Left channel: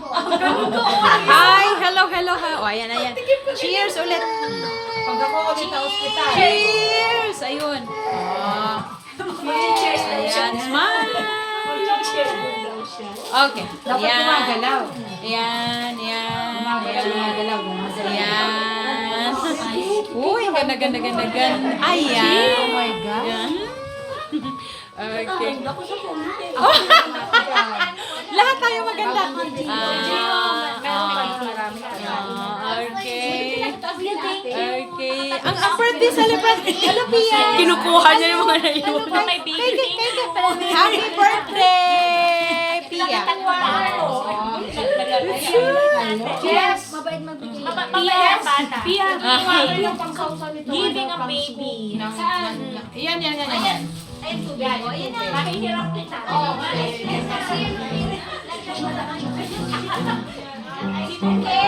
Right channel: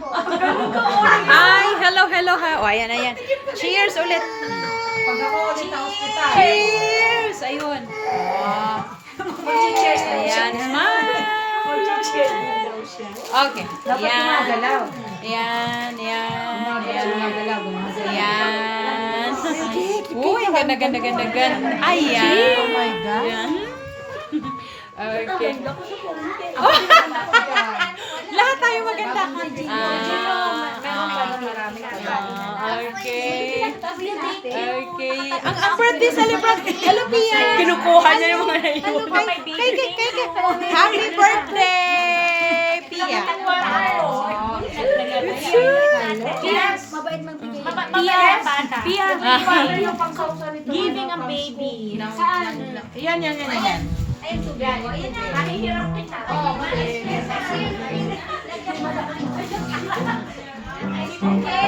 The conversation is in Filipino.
Hi, hello, hello, hi. O, ayan, ayan. Cheers ulit. Pag ako ulit sa ospital. Cheers! Ayun. Oh. Cheers. Ayan, smile. Okay. Dapat gumagalaw. Ayan, ayan, ayan. Gumagalaw. Ayan. Uy, ang ganda, ganda, ganda, ganda. Ayan. Oh my God. Ayan. Okay. Ako sa komite. Lahat tayo maganda. Marami. Okay. Okay. Ang birthday celebrant. Hello, Pia. Kinukuha niya yung mga naiwan. Kay. Happy birthday, Pia. Yes. Pia, Giving a baby. Yan. mahihirap kita. Si Pongke.